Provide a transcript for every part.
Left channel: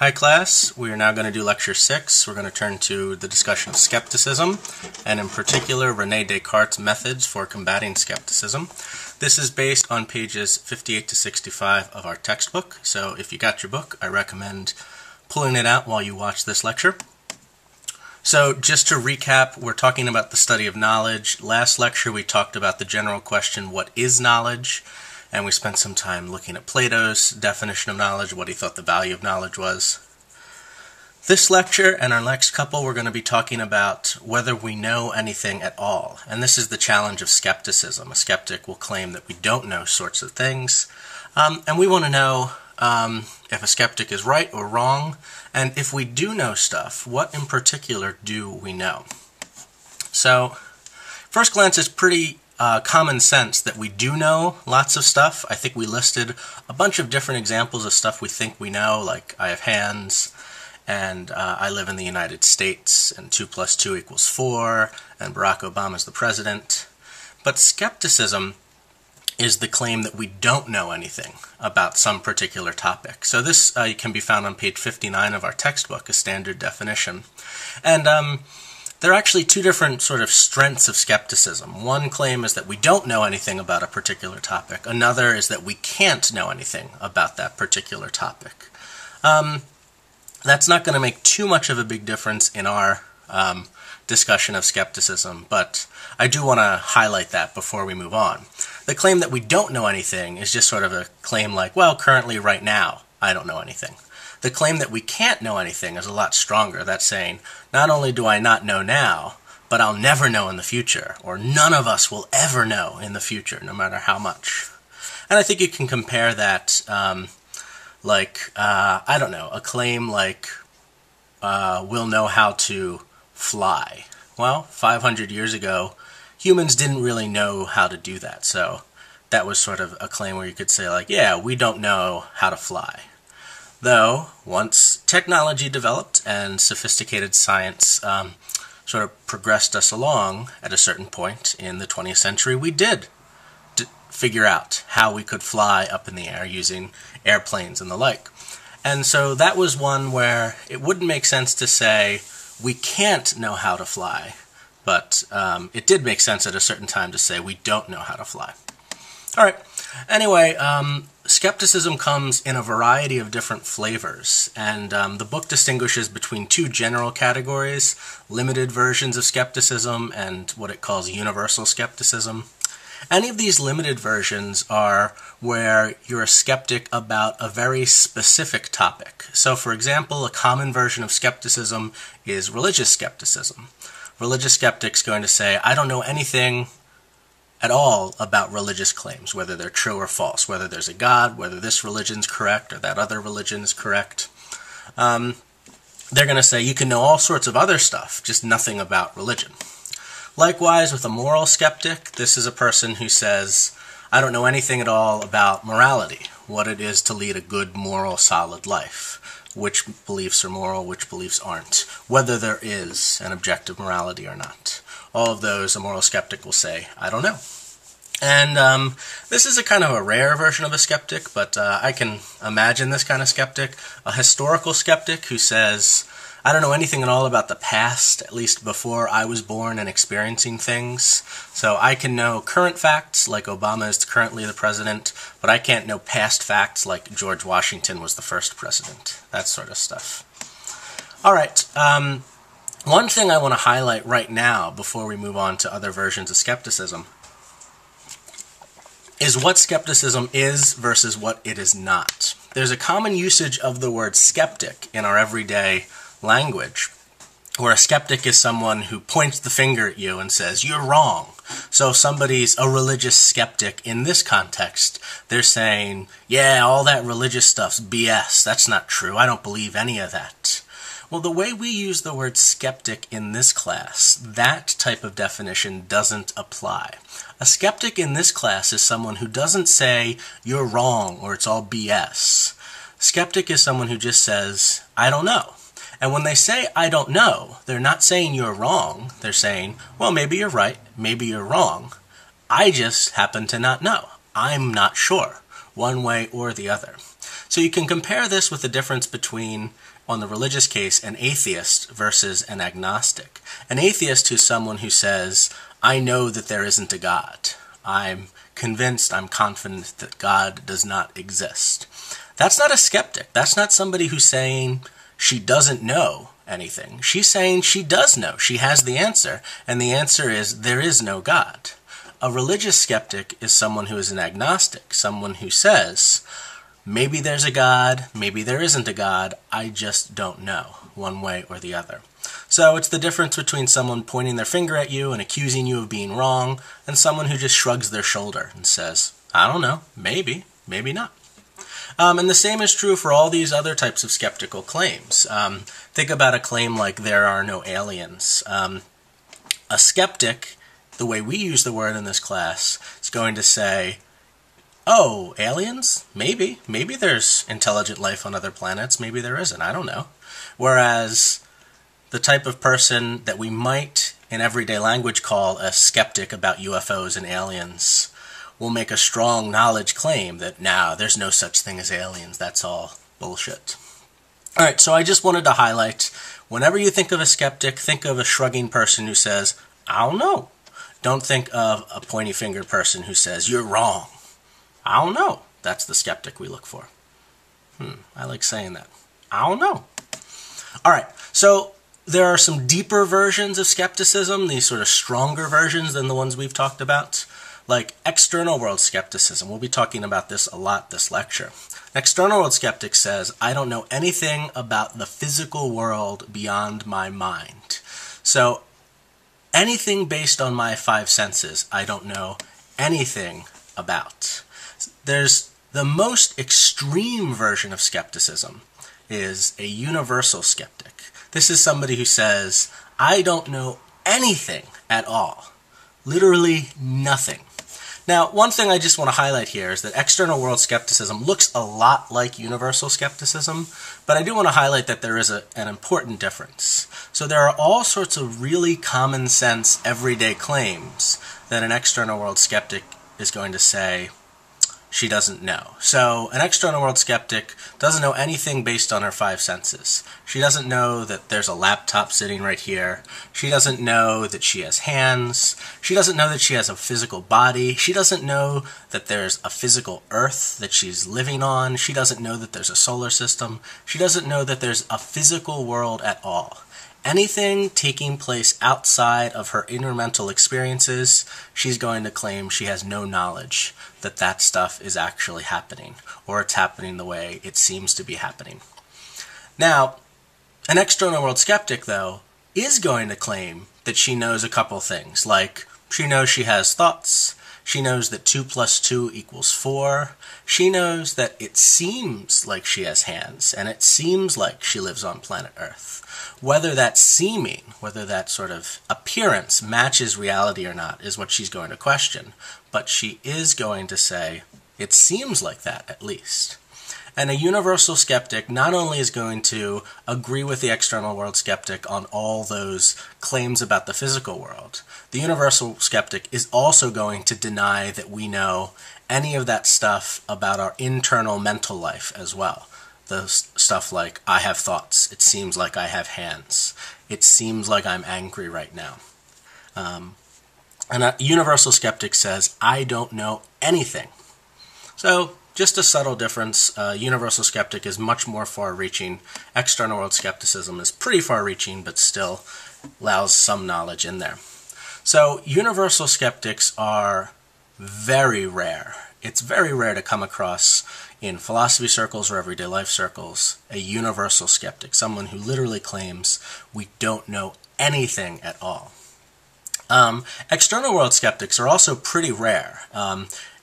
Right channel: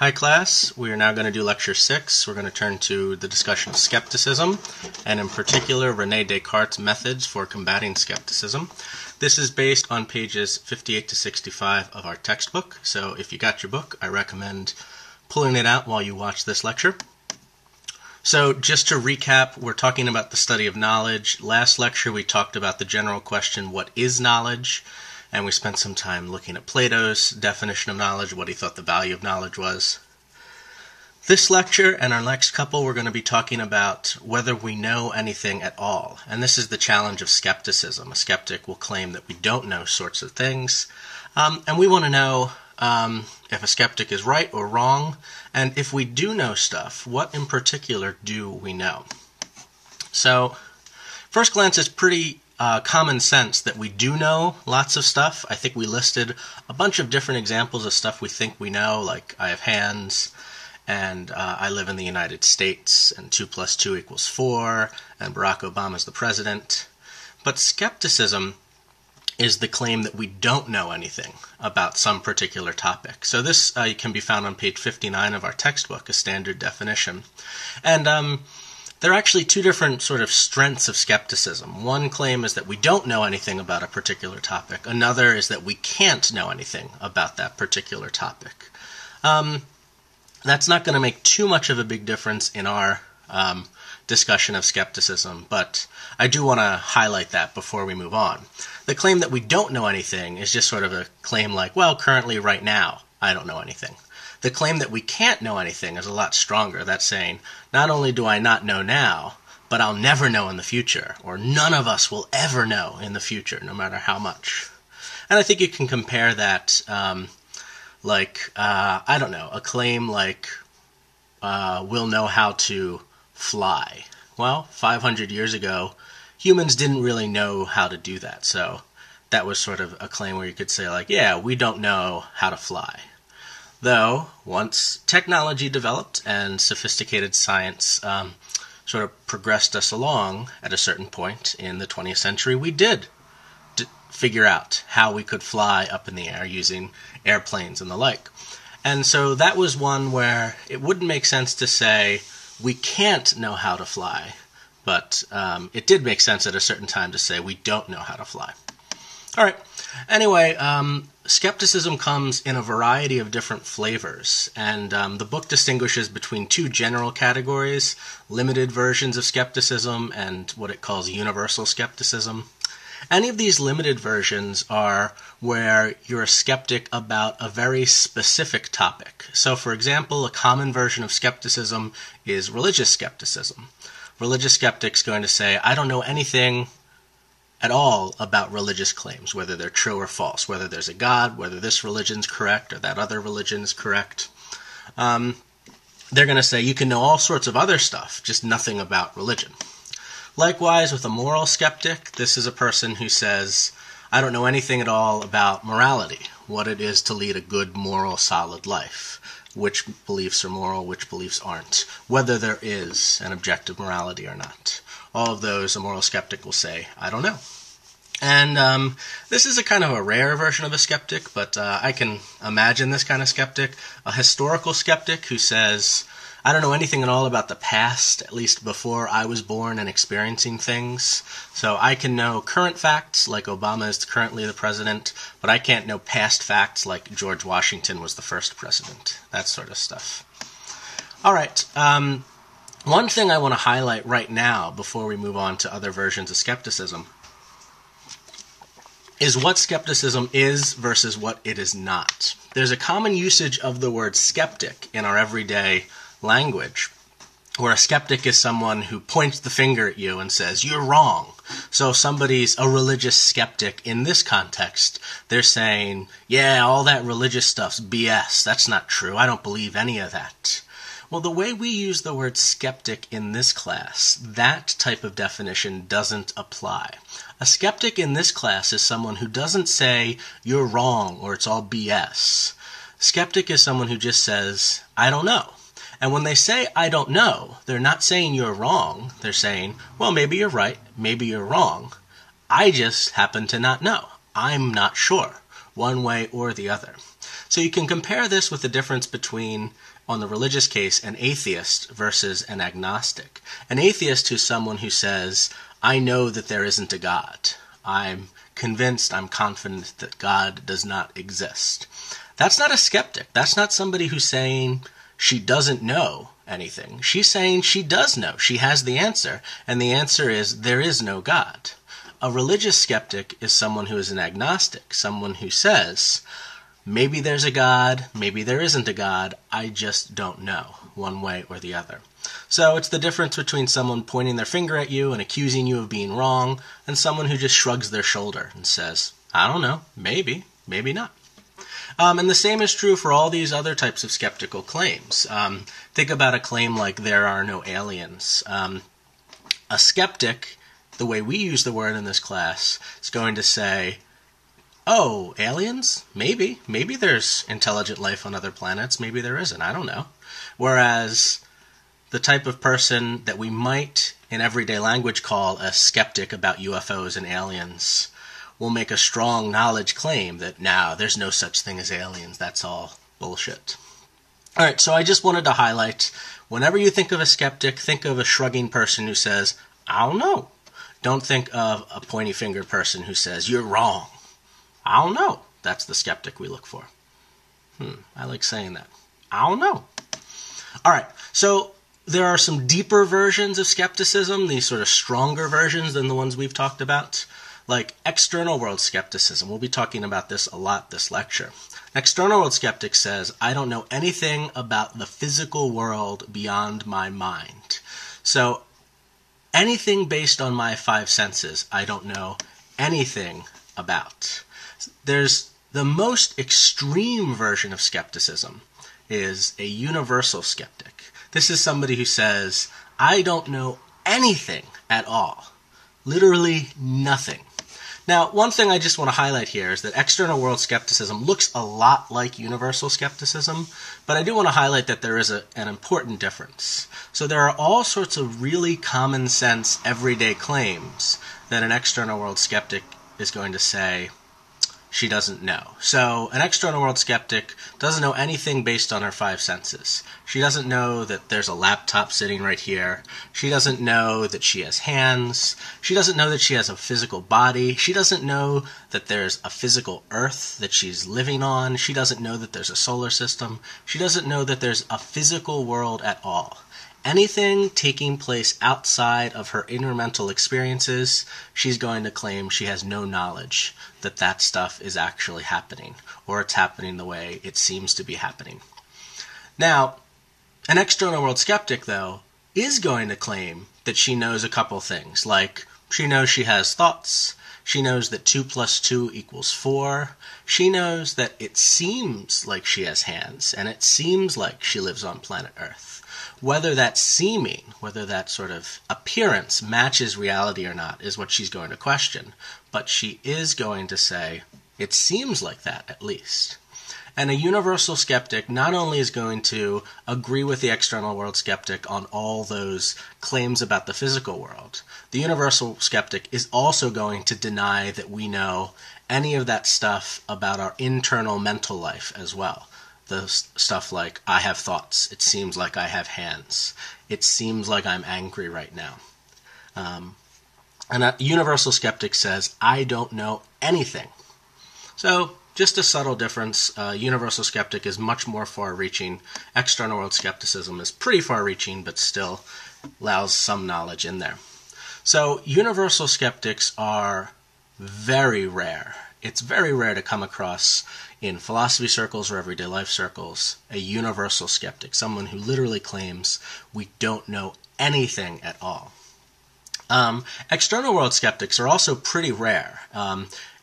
Hi class, we are now going to do lecture 6. We're going to turn to the discussion of skepticism, and in particular René Descartes' methods for combating skepticism. This is based on pages 58 to 65 of our textbook, so if you got your book, I recommend pulling it out while you watch this lecture. So just to recap, we're talking about the study of knowledge. Last lecture we talked about the general question, what is knowledge? And we spent some time looking at Plato's definition of knowledge, what he thought the value of knowledge was. This lecture and our next couple, we're going to be talking about whether we know anything at all. And this is the challenge of skepticism. A skeptic will claim that we don't know sorts of things. And we want to know if a skeptic is right or wrong. And if we do know stuff, what in particular do we know? So, first glance, it's pretty common sense that we do know lots of stuff. I think we listed a bunch of different examples of stuff we think we know, like I have hands, and I live in the United States, and 2 plus 2 equals 4, and Barack Obama is the president. But skepticism is the claim that we don't know anything about some particular topic. So this can be found on page 59 of our textbook, a standard definition. And there are actually two different sort of strengths of skepticism. One claim is that we don't know anything about a particular topic. Another is that we can't know anything about that particular topic. That's not going to make too much of a big difference in our discussion of skepticism, but I do want to highlight that before we move on. The claim that we don't know anything is just sort of a claim like, well, currently, right now, I don't know anything. The claim that we can't know anything is a lot stronger. That's saying, not only do I not know now, but I'll never know in the future, or none of us will ever know in the future, no matter how much. And I think you can compare that, I don't know, a claim like, we'll know how to fly. Well, 500 years ago, humans didn't really know how to do that, so that was sort of a claim where you could say, like, yeah, we don't know how to fly. Though, once technology developed and sophisticated science sort of progressed us along at a certain point in the 20th century, we did figure out how we could fly up in the air using airplanes and the like. And so that was one where it wouldn't make sense to say we can't know how to fly, but it did make sense at a certain time to say we don't know how to fly. All right. Anyway, skepticism comes in a variety of different flavors, and the book distinguishes between two general categories, limited versions of skepticism and what it calls universal skepticism. Any of these limited versions are where you're a skeptic about a very specific topic. So, for example, a common version of skepticism is religious skepticism. Religious skeptics going to say, I don't know anything at all about religious claims, whether they're true or false, whether there's a God, whether this religion's correct or that other religion is correct. They're going to say you can know all sorts of other stuff, just nothing about religion. Likewise, with a moral skeptic, this is a person who says, I don't know anything at all about morality, what it is to lead a good, moral, solid life, which beliefs are moral, which beliefs aren't, whether there is an objective morality or not. All of those, a moral skeptic will say, I don't know. And this is a kind of a rare version of a skeptic, but I can imagine this kind of skeptic. A historical skeptic who says, I don't know anything at all about the past, at least before I was born and experiencing things. So I can know current facts, like Obama is currently the president, but I can't know past facts like George Washington was the first president. That sort of stuff. All right. One thing I want to highlight right now, before we move on to other versions of skepticism, is what skepticism is versus what it is not. There's a common usage of the word skeptic in our everyday language, where a skeptic is someone who points the finger at you and says, you're wrong. So if somebody's a religious skeptic in this context, they're saying, yeah, all that religious stuff's BS. That's not true. I don't believe any of that. Well, the way we use the word skeptic in this class, that type of definition doesn't apply. A skeptic in this class is someone who doesn't say, you're wrong, or it's all BS. Skeptic is someone who just says, I don't know. And when they say, I don't know, they're not saying you're wrong. They're saying, well, maybe you're right, maybe you're wrong. I just happen to not know. I'm not sure, one way or the other. So you can compare this with the difference between, on the religious case, an atheist versus an agnostic. An atheist who's someone who says, I know that there isn't a God. I'm convinced, I'm confident that God does not exist. That's not a skeptic. That's not somebody who's saying she doesn't know anything. She's saying she does know. She has the answer, and the answer is there is no God. A religious skeptic is someone who is an agnostic, someone who says, maybe there's a God, maybe there isn't a God, I just don't know, one way or the other. So it's the difference between someone pointing their finger at you and accusing you of being wrong, and someone who just shrugs their shoulder and says, I don't know, maybe, maybe not. And the same is true for all these other types of skeptical claims. Think about a claim like there are no aliens. A skeptic, the way we use the word in this class, is going to say, oh, aliens? Maybe. Maybe there's intelligent life on other planets. Maybe there isn't. I don't know. Whereas the type of person that we might, in everyday language, call a skeptic about UFOs and aliens will make a strong knowledge claim that, nah, there's no such thing as aliens. That's all bullshit. All right, so I just wanted to highlight, whenever you think of a skeptic, think of a shrugging person who says, I don't know. Don't think of a pointy finger person who says, you're wrong. I don't know. That's the skeptic we look for. I like saying that. I don't know. All right, so there are some deeper versions of skepticism, these sort of stronger versions than the ones we've talked about, like external world skepticism. We'll be talking about this a lot this lecture. An external world skeptic says, I don't know anything about the physical world beyond my mind. So anything based on my five senses, I don't know anything about. There's the most extreme version of skepticism is a universal skeptic. This is somebody who says, I don't know anything at all. Literally nothing. Now, one thing I just want to highlight here is that external world skepticism looks a lot like universal skepticism, but I do want to highlight that there is an important difference. So there are all sorts of really common sense, everyday claims that an external world skeptic is going to say she doesn't know. So an external world skeptic doesn't know anything based on her five senses. She doesn't know that there's a laptop sitting right here. She doesn't know that she has hands. She doesn't know that she has a physical body. She doesn't know that there's a physical Earth that she's living on. She doesn't know that there's a solar system. She doesn't know that there's a physical world at all. Anything taking place outside of her inner mental experiences, she's going to claim she has no knowledge that that stuff is actually happening, or it's happening the way it seems to be happening. Now, an external world skeptic, though, is going to claim that she knows a couple things, like she knows she has thoughts, she knows that 2 plus 2 equals 4, she knows that it seems like she has hands, and it seems like she lives on planet Earth. Whether that seeming, whether that sort of appearance matches reality or not is what she's going to question. But she is going to say, it seems like that at least. And a universal skeptic not only is going to agree with the external world skeptic on all those claims about the physical world, the universal skeptic is also going to deny that we know any of that stuff about our internal mental life as well. The stuff like, I have thoughts, it seems like I have hands, it seems like I'm angry right now. And a universal skeptic says, I don't know anything. So, just a subtle difference. Universal skeptic is much more far-reaching. External world skepticism is pretty far-reaching, but still allows some knowledge in there. So, universal skeptics are very rare. It's very rare to come across in philosophy circles or everyday life circles a universal skeptic, someone who literally claims we don't know anything at all. External world skeptics are also pretty rare.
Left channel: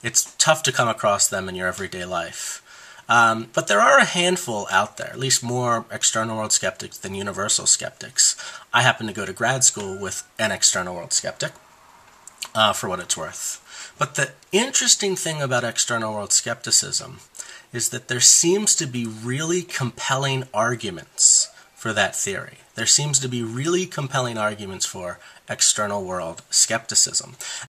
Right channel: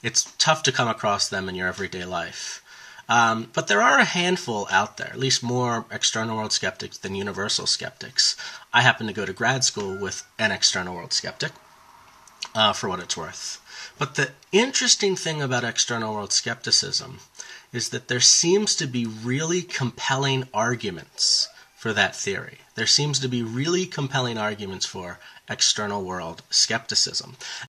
It's tough to come across them in your everyday life. But there are a handful out there, at least more external world skeptics than universal skeptics. I happen to go to grad school with an external world skeptic, for what it's worth. But the interesting thing about external world skepticism is that there seems to be really compelling arguments for that theory. There seems to be really compelling arguments for external world skepticism.